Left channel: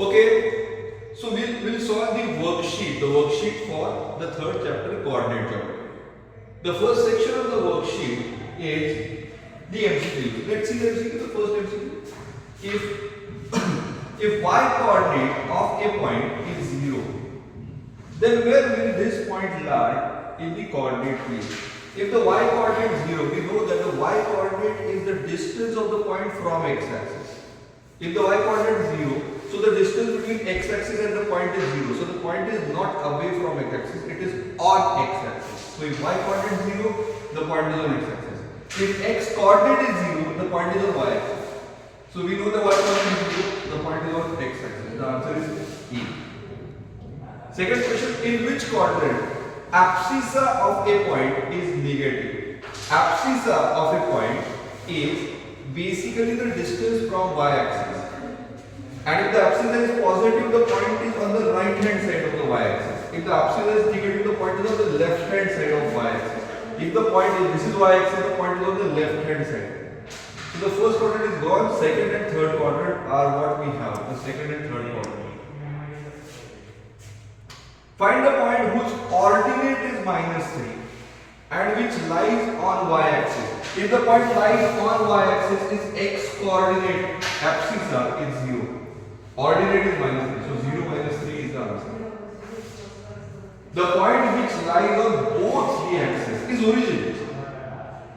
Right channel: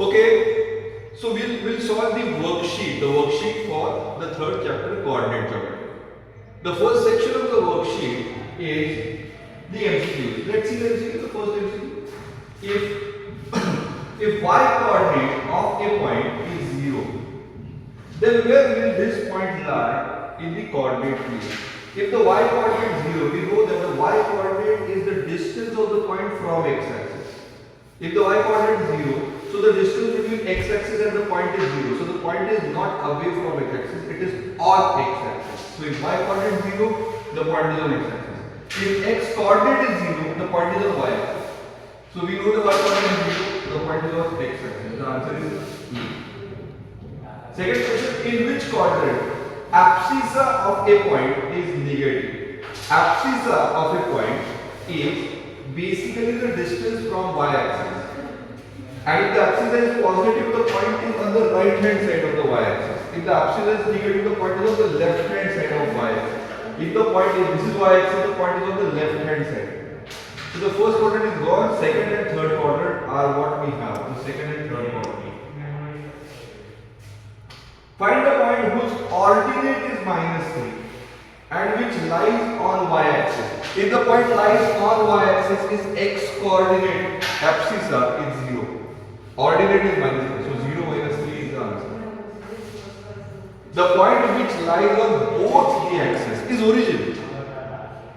Okay, so we'll solve the worksheet for the third chapter, coordinate geometry. The first section of the worksheet is the MCQ. Let's see the MCQ, the first MCQ. If y coordinate of a point is 0, then where will this point lie in the coordinate plane? If the y coordinate is 0, we know that the y coordinate is the distance of the point from x-axis. If the y coordinate is 0, so the distance between x-axis and the point is 0. So the point is not away from x-axis, it is on x-axis. So if y coordinate is 0, the point is on x-axis. If x coordinate is 0, the point is on y-axis. So we know the y coordinate is 0, the point is on x-axis. The answer is E. Second question, in which quadrant abscissa of a point is negative? Abscissa of a point is basically the distance from y-axis. And if the abscissa is positive, the point is on the right hand side of the y-axis. If the abscissa is negative, the point is on the left hand side of y-axis. If the point is, this is y-axis, the point is on the left hand side. So the first quadrant is gone, second and third quadrant are what we have, the second and third quadrant. Find the point whose ordinate is -3 and which lies on y-axis. If the point lies on y-axis is x coordinate, abscissa is 0. Ordinate is -3, so 0 minus 3 is the answer. The point which lies on both the axes is origin.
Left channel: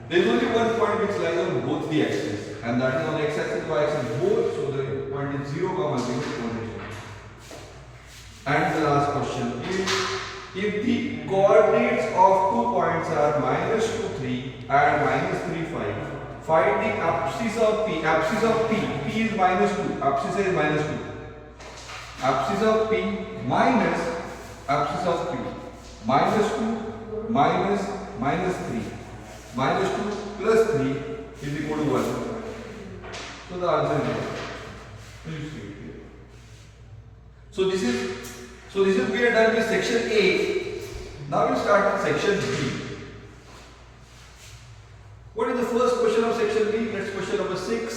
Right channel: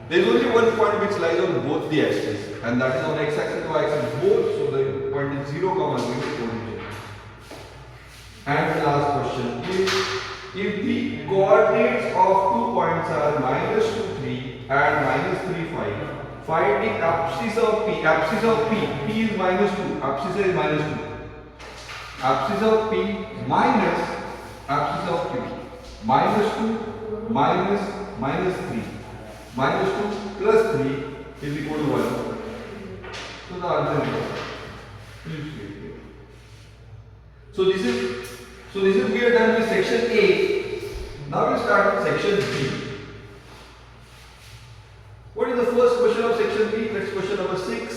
There is only one point which lies on both the axes, and that is on x-axis, y-axis both. So the point is 0, 0 origin. And the last question is, if the coordinates of two points are -2, 3 and -3, 5, find the abscissa of P. Abscissa of P. P is -2. Abscissa is -2. Abscissa of P minus abscissa of Q. -2 minus -3. -2 plus 3 is equal to 1. So the answer is 1. Please read it. So this is we are done with section A. Now we start with section B. What is the first question of section B? That's question number 6.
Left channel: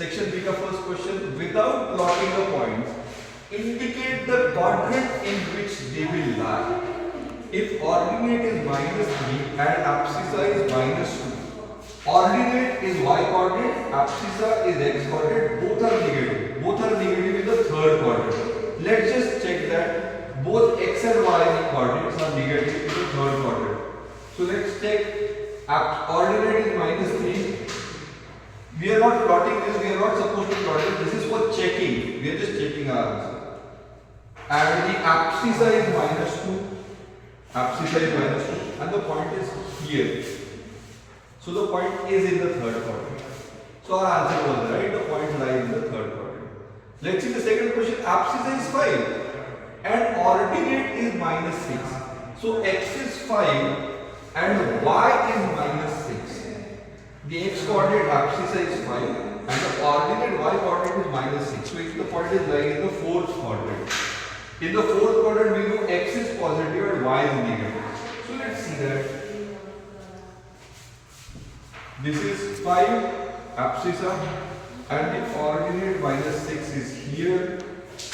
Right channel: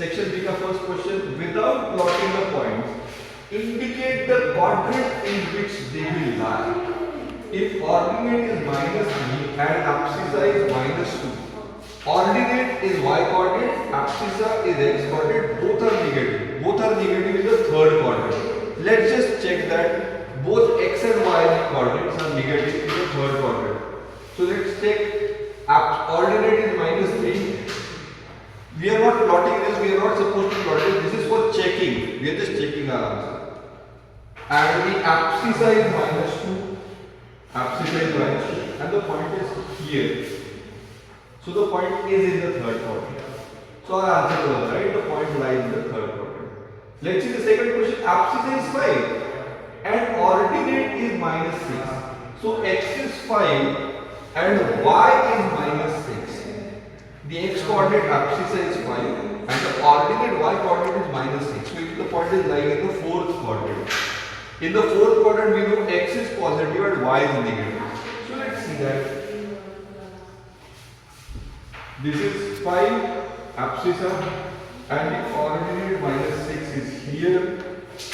Section B ka first question. Without plotting the points, indicate the quadrant in which they will lie. If ordinate is -3 and abscissa is -2, ordinate is y coordinate, abscissa is x coordinate, both are negative. Both are negative in the third quadrant. Let's just check that both x and y coordinates are negative in the third quadrant. So let's check. Ordinate is -3. We are not plotting this, we are not supposed to plot it. This is for checking. We are just checking our answer. And the abscissa is -2. Abscissa is -2. And the point is here. So the point is in the third quadrant. So our answer was right. The point lies in the third quadrant. Let's see the second question. Abscissa is 5 and ordinate is -6. So x is 5 and y is -6. The x coordinate abscissa is 5 and the ordinate y coordinate is -6. So if the point is lying in the fourth quadrant. In the fourth quadrant we know x is positive and y is negative. So let's see that. This is 5 abscissa and the ordinate -6 is here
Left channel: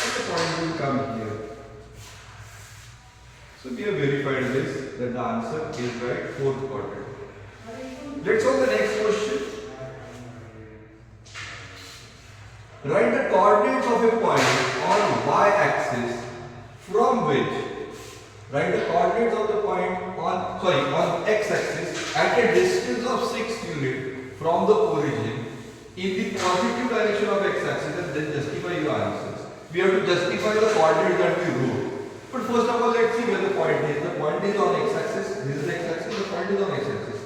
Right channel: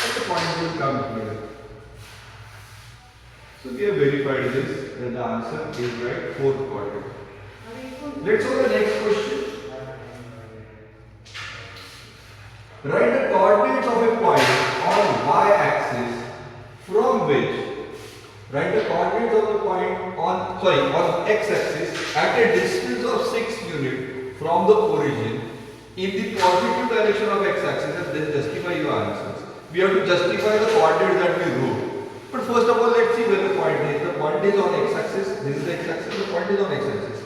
and the point will come here. So we have verified this, then the answer is right, fourth quadrant. Let's go to the next question. Write the coordinates of a point on y-axis from which, write the coordinates of the point on x-axis at a distance of 6 units from the origin in the positive direction of x-axis, and then justify your answers. We have to justify the coordinates that we wrote. But first of all, let's see where the point is. The point is on x-axis. This is x-axis. The point is on x-axis.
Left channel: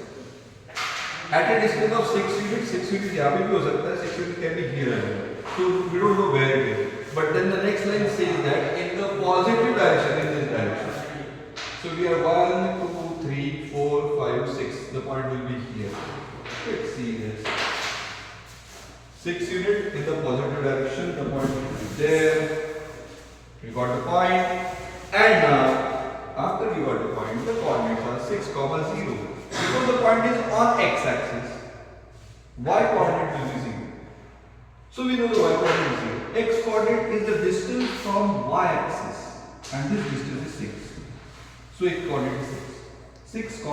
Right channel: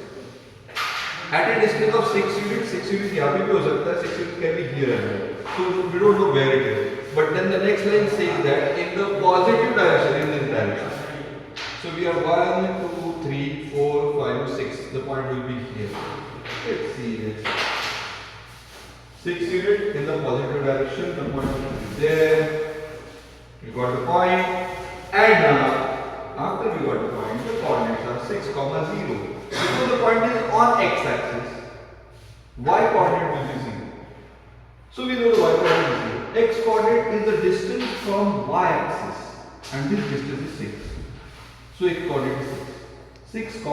At a distance of 6 units, 6 units यहाँ पे भी हो सकता है. 6 units can be here and there. So we don't know where it is. But then the next line says that in the positive direction, in this direction. So we are 1, 2, 3, 4, 5, 6. The point will be here. Let's see this. 6 units in the positive direction. The point will be there. We got the point. And now, after you got the point, the coordinates are 6, 0. Because the point is on x-axis, y coordinate will be 0. So we know the y coordinate is 0. X coordinate is the distance from y-axis and this distance is 6. So its coordinate is 6. 6, 0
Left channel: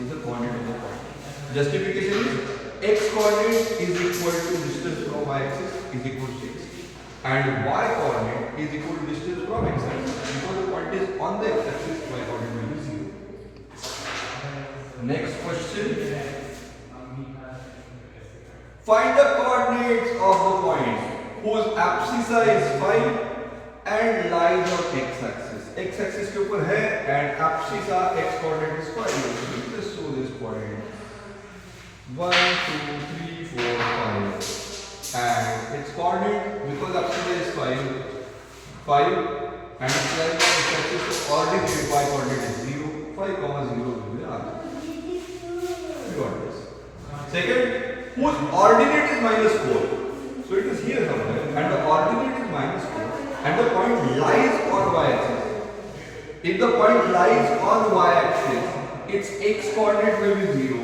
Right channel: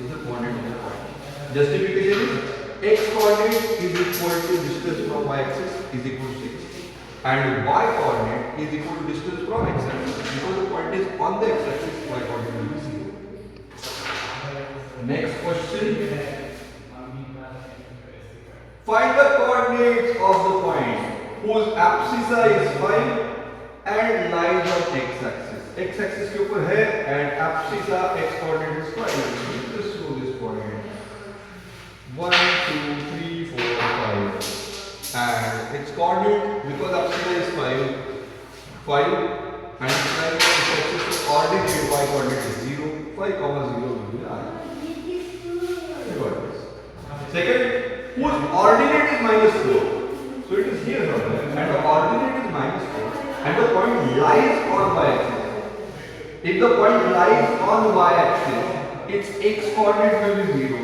is the coordinate of the point. Justification is x coordinate is equal to distance from y-axis is equal to 6 and y coordinate is equal to distance from x-axis. Because the point is on the x-axis, y coordinate will be 0. Next question. Find the coordinates of the point whose abscissa is 5 and lies on x-axis. X-axis के ऊपर है and abscissa x coordinate is 5. Just show this point. 1, 2, 3, 4, 5. And its coordinate, because abscissa is 5 and its line on x-axis, so coordinate y coordinate is 0. 5, 0 will be the answer. You got this. Second, whose ordinate is -4. So it is here somewhere and the ordinate is -4 and the point lies on y-axis. If the point lies on y-axis, its x coordinate will be 0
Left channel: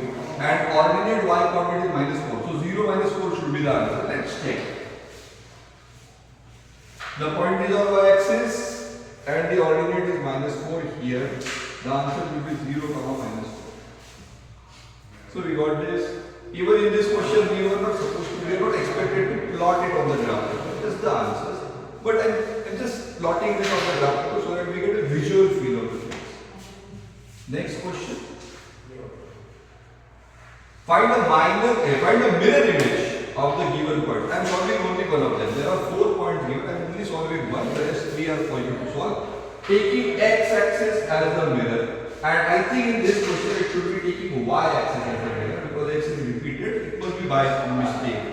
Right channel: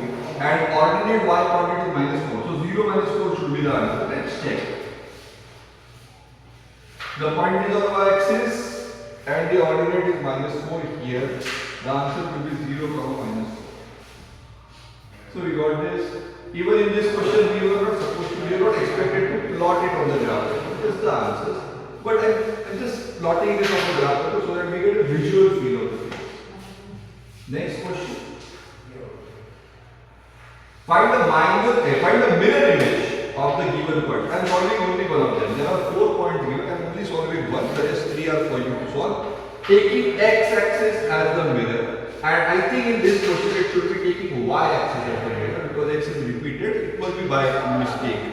and ordinate y coordinate is -4. So 0 -4 should be the answer. Let's check. The point is on y-axis and the ordinate is -4 here. The answer will be 0, -4. So we got this. Even in this question, we were not expected to plot it on the graph. Just the answers. But I'm just plotting this on the graph so that we get a visual feel of the thing. Next question. Find the mirror image of the given point. I'm solving only one of them. There are 4 points given. I'm only solving one. The rest 3 are for you to solve. Taking x-axis as the mirror, and I think in this question it should be taking y-axis as the mirror because x is repeated. It must be by mistake.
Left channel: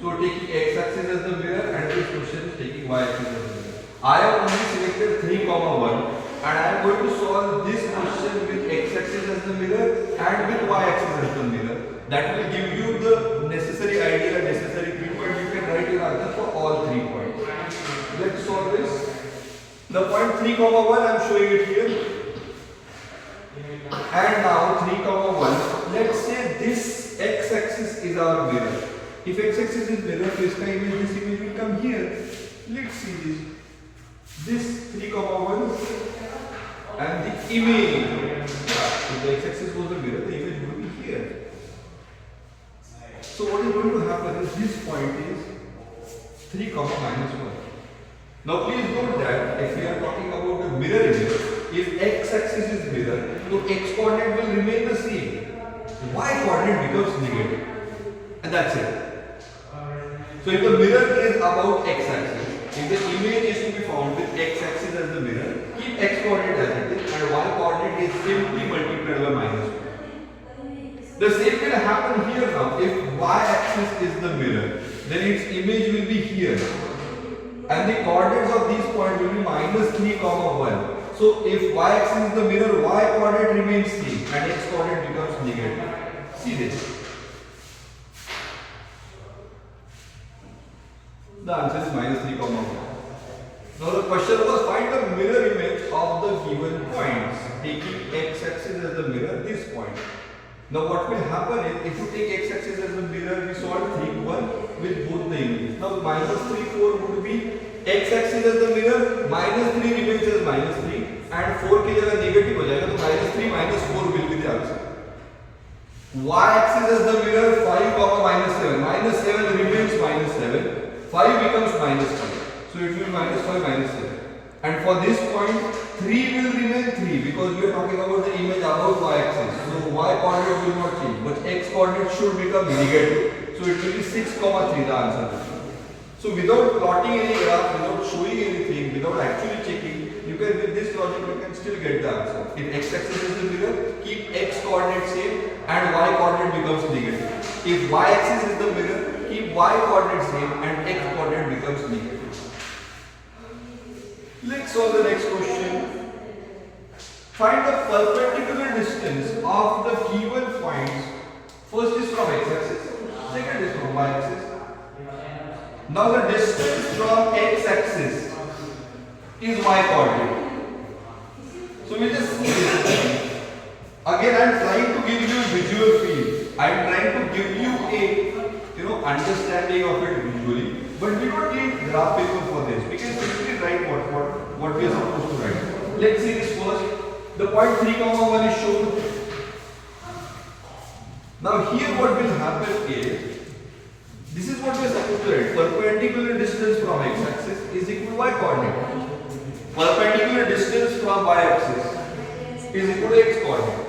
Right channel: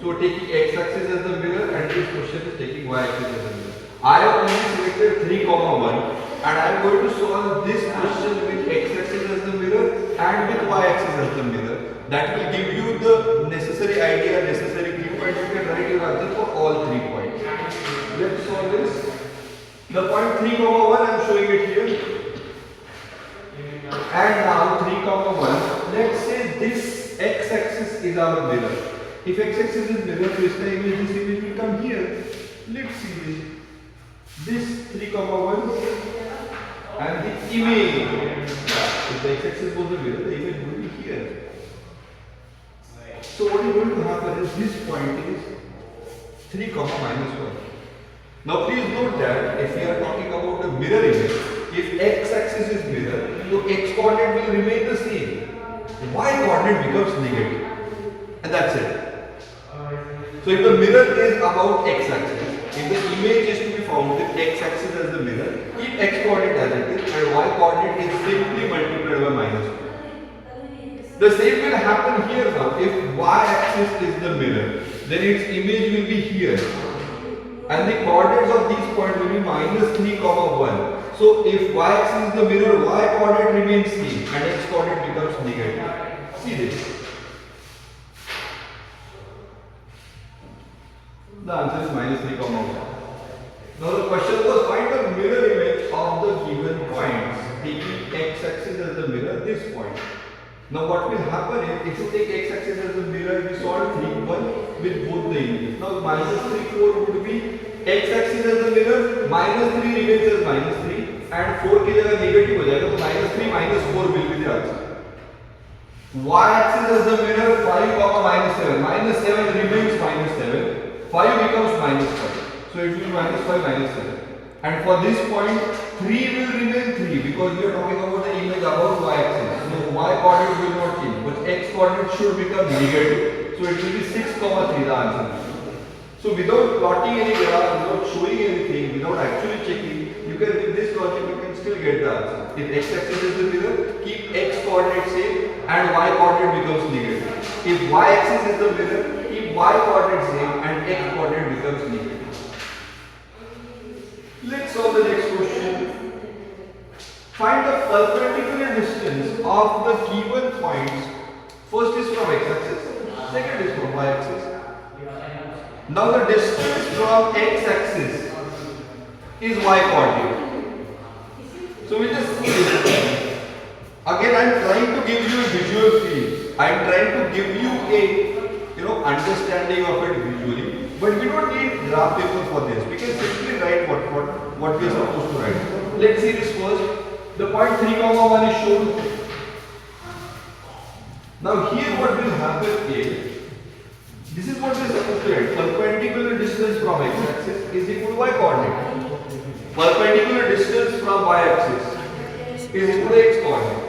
So taking x-axis as the mirror, and this question is taking y-axis as the mirror. I have only selected 3, 1, and I am going to solve this question with x-axis as the mirror and with y-axis as the mirror. That will give you the necessary idea, necessary key points. You can write your answer for all 3 points. Let's solve this. The point 3, 1, I am showing it here. And now 3, 1. Let's say this x-axis is our mirror. If x-axis is mirror, this image will come here. Let's see this. This 3, 1 and the image. If the x-axis was the mirror, the image would be here. So what is going to happen is this point is 3, -1. Now please note that if we are talking about the mirror image, if x-axis is mirror, so x coordinate will remain the same. Y coordinate becomes negative. And that's it. So if the mirror is about x-axis, if the image is to be found with x-axis as the mirror, keep x coordinate as it is and y coordinate is simply multiplied by -2. The same will happen here now. If y-axis is the mirror, then its image will be here. And the coordinates of these points will be -3, 1. So if y-axis is the mirror, y coordinate remains same and x coordinate becomes negative. See this. The answer is -3, 1. Now the question was find the mirror image of the given points, taking x-axis as the mirror, this point. Now what will happen is, if you take x-axis as the mirror, we solve 3, 1 with both the images. Now -3, 4 would be x-axis as the mirror, -3 remains as -3 and 4 की जगह negative हो जाएगा, तो -3 -4 will be the answer. Y-axis as the mirror, 5, -7. -7 remains -7. 5 becomes -5. So it will be -5, -7. And for this point, 3 will remain 3 because we are talking about the image above y-axis. So y coordinate will not change, but x coordinate should become negative. So it will be 6, 3 the answer. So without plotting any graph, without showing anything, without actually checking, you can with this logic you can still get the answer. If x-axis is the mirror, keep x coordinate same and y coordinate becomes negative. If y-axis is the mirror, keep y coordinate same and x coordinate becomes negative. Let's solve the next question. Find the perpendicular distance of the given points. First is from x-axis, second is from y-axis. Now the distance from x-axis is y coordinate. So we just see this. Again, I am trying to give you visual feels. I am trying to give you a understanding of it visually. But we don't need graph paper for this. We can simply write what we are supposed to write. Let's see this first. The point 3, 1 is shown. Now here what will happen is, this is what we are supposed to write. Perpendicular distance from x-axis is equal to y-coordinate. Perpendicular distance from y-axis is equal to x-coordinate.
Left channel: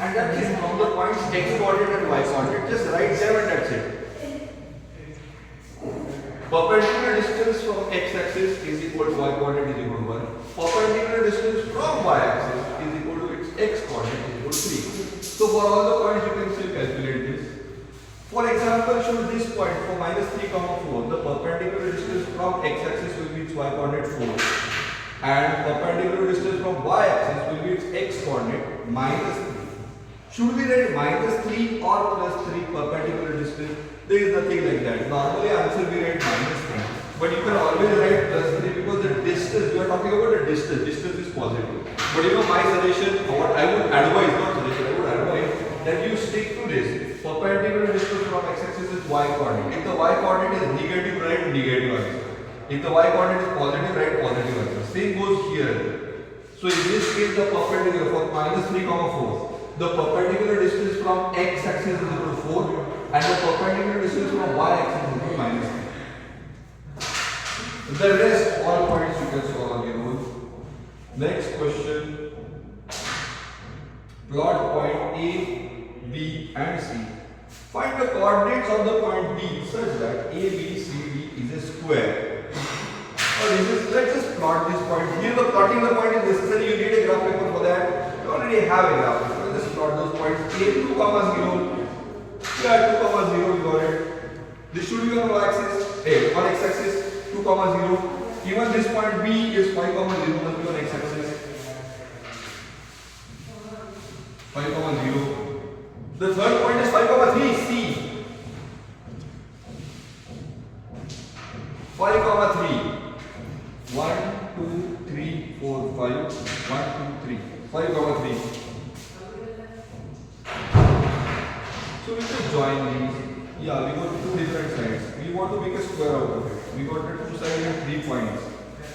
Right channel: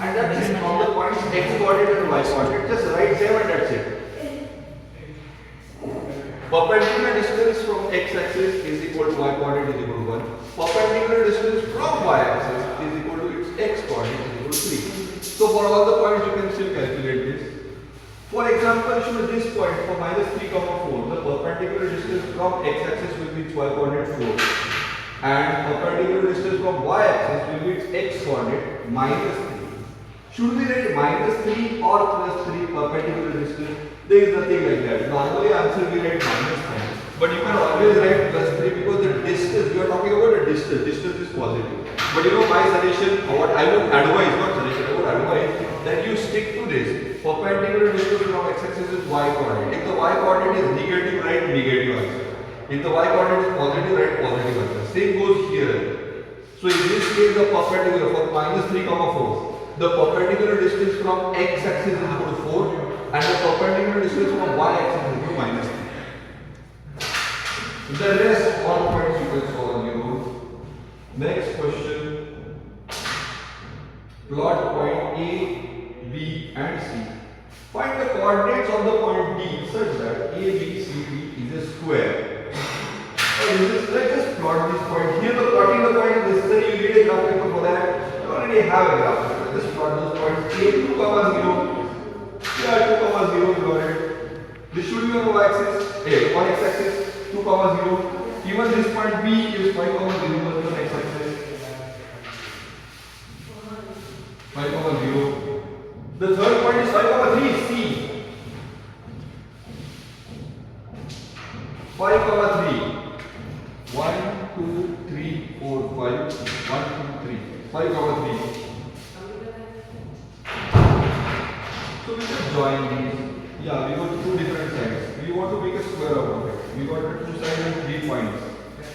And that's it. From the points x-coordinate and y-coordinate, just write them and that's it. Perpendicular distance from x-axis is equal to y-coordinate is equal to 1. Perpendicular distance from y-axis is equal to its x-coordinate is equal to 3. So for all the points you can still calculate this. For example, show this point for minus 3, 4. The perpendicular distance from x-axis will be its y-coordinate 4. And perpendicular distance from y-axis will be its x-coordinate minus 3. Should we write minus 3 or plus 3 perpendicular distance? There is nothing like that. Normally answer we write minus 3. But you can always write plus 3 because the distance, you are talking about the distance is positive. But you know my suggestion, or what I would advise, not suggestion, I would advise that you stick to this. Perpendicular distance from x-axis is y-coordinate. If the y-coordinate is negative, write negative answer. If the y-coordinate is positive, write positive answer. Same goes here. So in this case, the perpendicular for minus 3, 4. The perpendicular distance from x-axis is equal to 4 and the perpendicular distance from y-axis is equal to minus 3. The rest all points you can solve on your own. Next question. Plot point A, B and C. Find the coordinates of the point D such that A, B, C, D is a square. Let's just plot this point. Here the plotting the point is necessary. You need a graph paper for that. You already have a graph paper. Just plot those points. A 2, 0. Yeah, 2, 0 we got it. This should be on y-axis. A on x-axis 2, 0. Even this point B is 5, 0 on x-axis. 5, 0. The third point is 5, 3. C. 5, 3. 1, 2, 3, 4, 5. 1, 2, 3. 5, 3. So we just join these. Yeah, we got two different sides. We want to make a square out of it. We got the two sides and 3 points.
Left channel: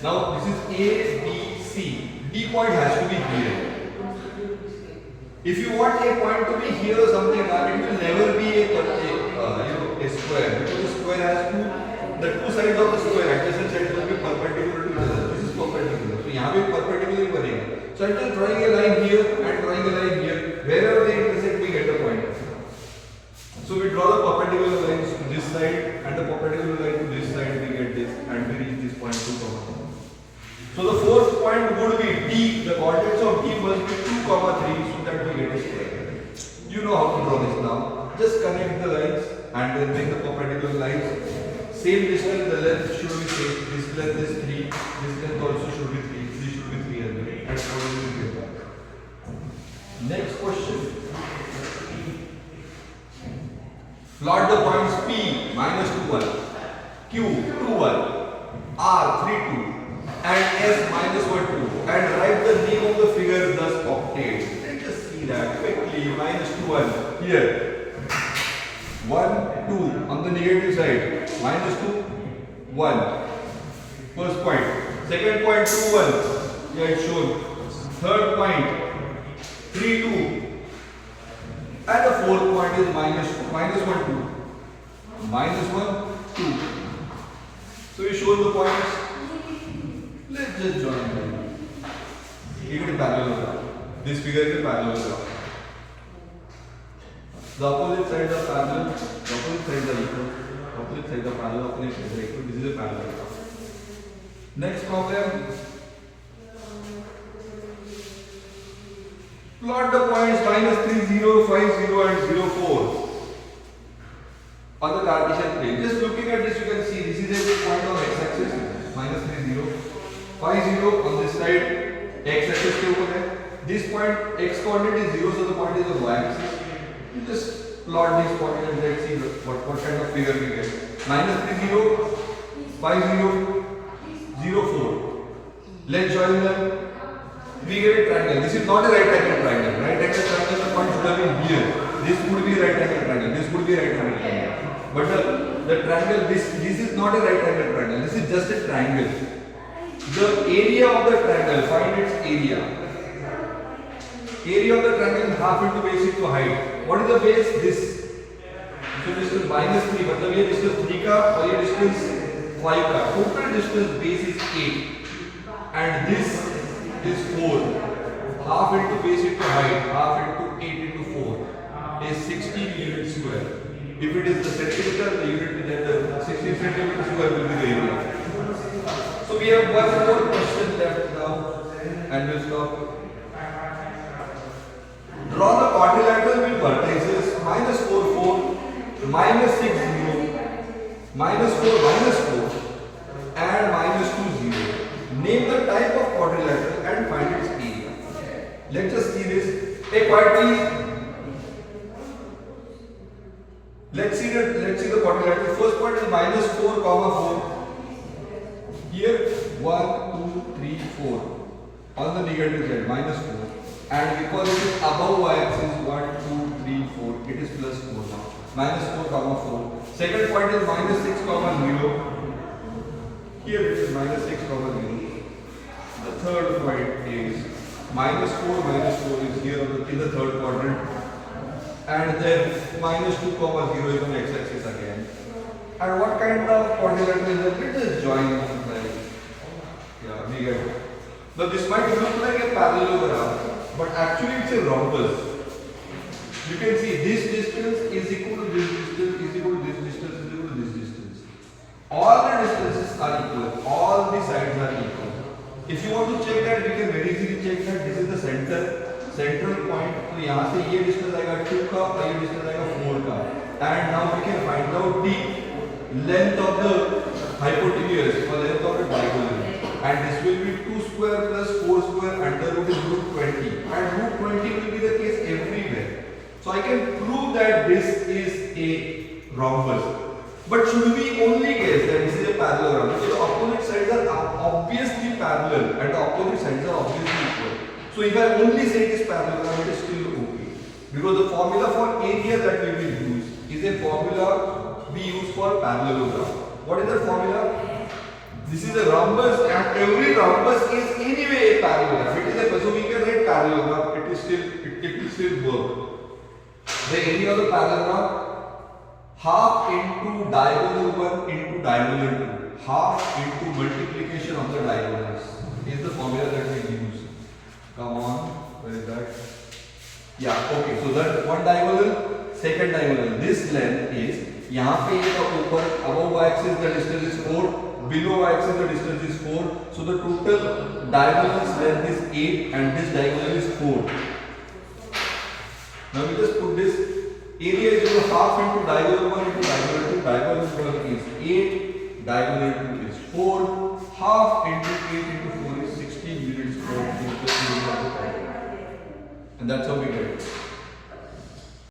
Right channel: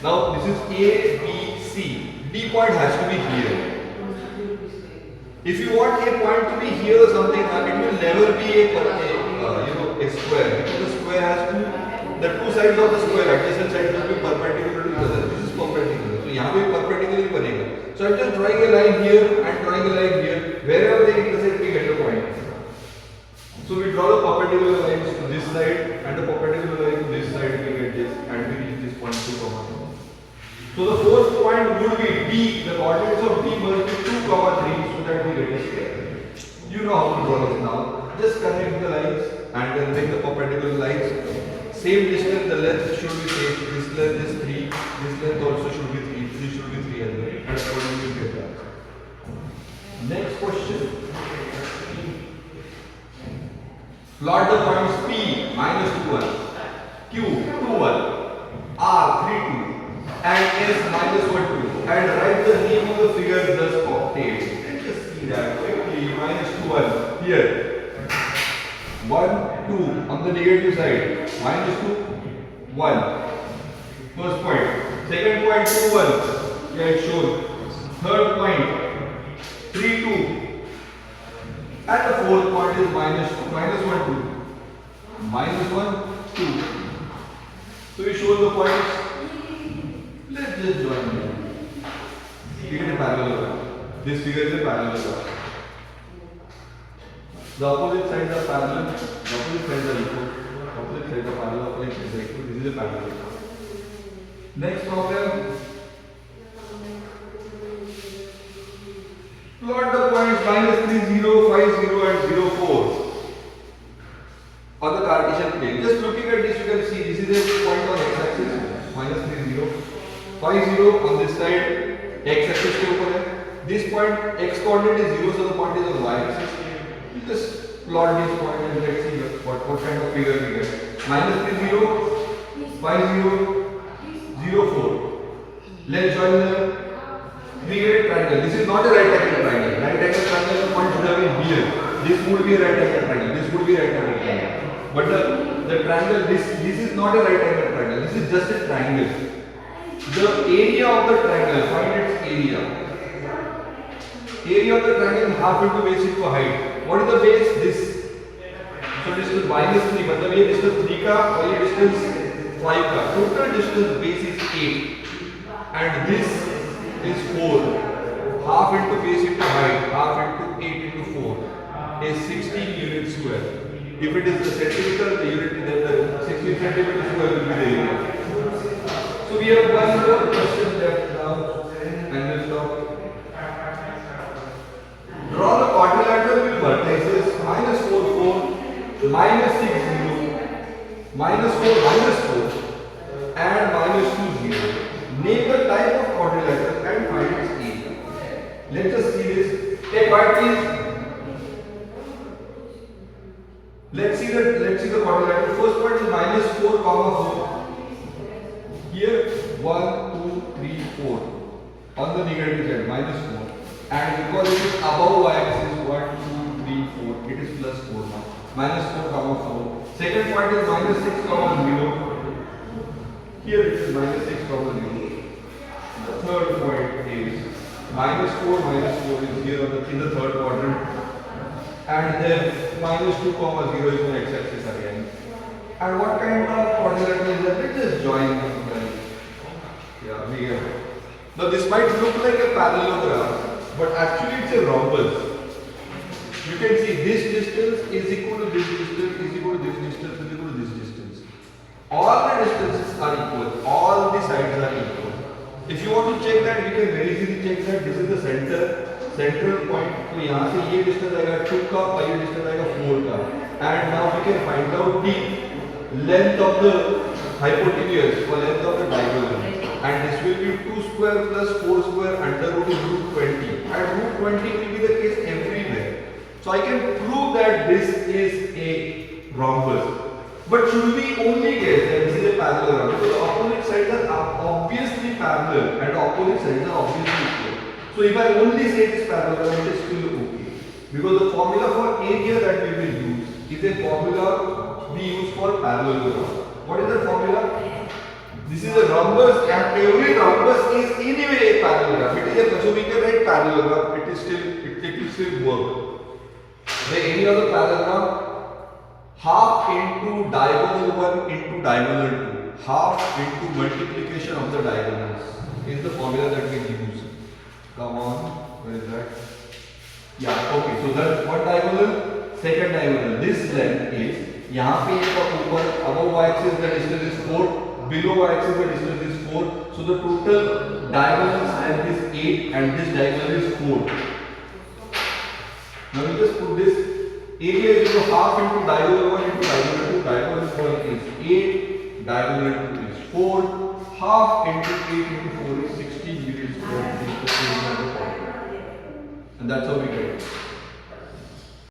Now this is A, B, C. D point has to be here. If you want a point to be here or something, it will never be a square because the square has the two sides of the square adjacent sides will be perpendicular to each other. This is perpendicular. So यहाँ पे perpendicular बनेगा. So I'm just drawing a line here and drawing a line here. Wherever they intersect, we get a point. So we draw the perpendicular lines to this side and the perpendicular line to this side. We get this and we reach this point 2, 1. So the fourth point would be D. The coordinates of D must be 2, 3 so that we get a square. You know how to draw this now. Just connect the lines and then make the perpendicular lines. Same distance, the length should be same. This length is 3. This length also should be 3. This should be 3 as well. That's what we will get back. Next question. Plot the points P minus 2, 1, Q 2, 1, R 3, 2 and S minus 1, 2 and write the name of the figure thus obtained. Let's just see that quickly. Minus 2, 1 here. 1, 2 on the negative side. Minus 2, 1. First point. Second point 2, 1. Yeah, it's shown. Third point 3, 2. And the fourth point is minus 2, minus 1, 2. Minus 1, 2. So we show the points. Let's just join them. It is a parallelogram. This figure is a parallelogram. The opposite sides are parallel. The opposite sides are equal. Opposite sides are parallel. Opposite sides are equal. This is a parallelogram. Next problem. Plot the points minus 3, 0, 5, 0 and 0, 4 on the Cartesian plane. Just looking at this, you can see this is a point on x-axis, minus 3, 0, 5, 0 on this side, x-axis के ऊपर है. This point x coordinate is 0, so the point is on y-axis. You just plot this point and let's see what kind of figure we get. Minus 3, 0, 5, 0, 0, 4. Let's join them. We get a triangle. This is not a right angle triangle. Right angle triangle, the point should have been here. This would be a right angle triangle. This would be a right angle triangle. But the triangle, this is not a right angle triangle, this is just a triangle. The area of the triangle, find its area. Area of the triangle half into base into height. What is the base? This. So distance -3, मतलब ये distance 3 का और ये distance 5 का. Total distance base is 8 and this is 4. Half into base into height, half into 8 into 4 is 16 units square. If it is the centimeter, the unit then the 16 centimeter square will be the area. So we have one more question left now and we'll stop. Draw the quadrilateral with vertices -4, 4, -6, 0, -4, -4 and -2, 0. Name the type of quadrilateral and find its area. Let's just see this. Take part please. Let's see the quadrilateral. First point is -4, 4. Here 1, 2, 3, 4. On the negative side -4. And because it is above y-axis 1, 2, 3, 4. It is +4 now. -4, 4. Second point is -6, 0. Here it is -6, 0. The third point is -4, -4 is here in the third quadrant. And then -2, 0 is on x-axis again. And what kind of quadrilateral is that? Let's just join them. Yeah, we get it. Now this might look like a parallelogram, but actually it's a rhombus. You can see this distance is equal to this distance is equal to this distance is equal to this distance. All the distances are equal. All the sides are equal. If you want to check that, we can very easily check that this is the central point. तो यहाँ से ये distance आएगा 2 का और ये distance आएगा 4 का. And now we can find out the length of the hypotenuse or length of the diagonal. And this will be 2 square plus 4 square under root is root 20. And root 20 will be the case everywhere. So I can prove that this is a rhombus. But should we only guess that this is a parallelogram? So the opposite sides are obviously parallel and the opposite sides are obviously equal. So if I only say it is parallelogram, it is still okay. Because the formula for area that we will use is a formula we use for parallelogram. What is the formula? This is a rhombus and every rhombus is anyway a parallelogram. It is a, so we can write parallelogram. It will still work. The area of the parallelogram half into diagonal 1 into diagonal 2. Half into multiplication of the diagonals is the formula that we use. Come on, where is that? Yeah, okay. So that one diagonal, second diagonal. This length is यहाँ पे एक ऊपर above y-axis the distance is 4, below y-axis the distance is 4. So the total diagonal length is 8 and this diagonal is 4. Now we just put this area is equal to half into diagonal 1 into diagonal 2. Diagonal 1 is 8, diagonal 2 is 4. Half into 8 into 4 is 16 units square. And that's how we get it.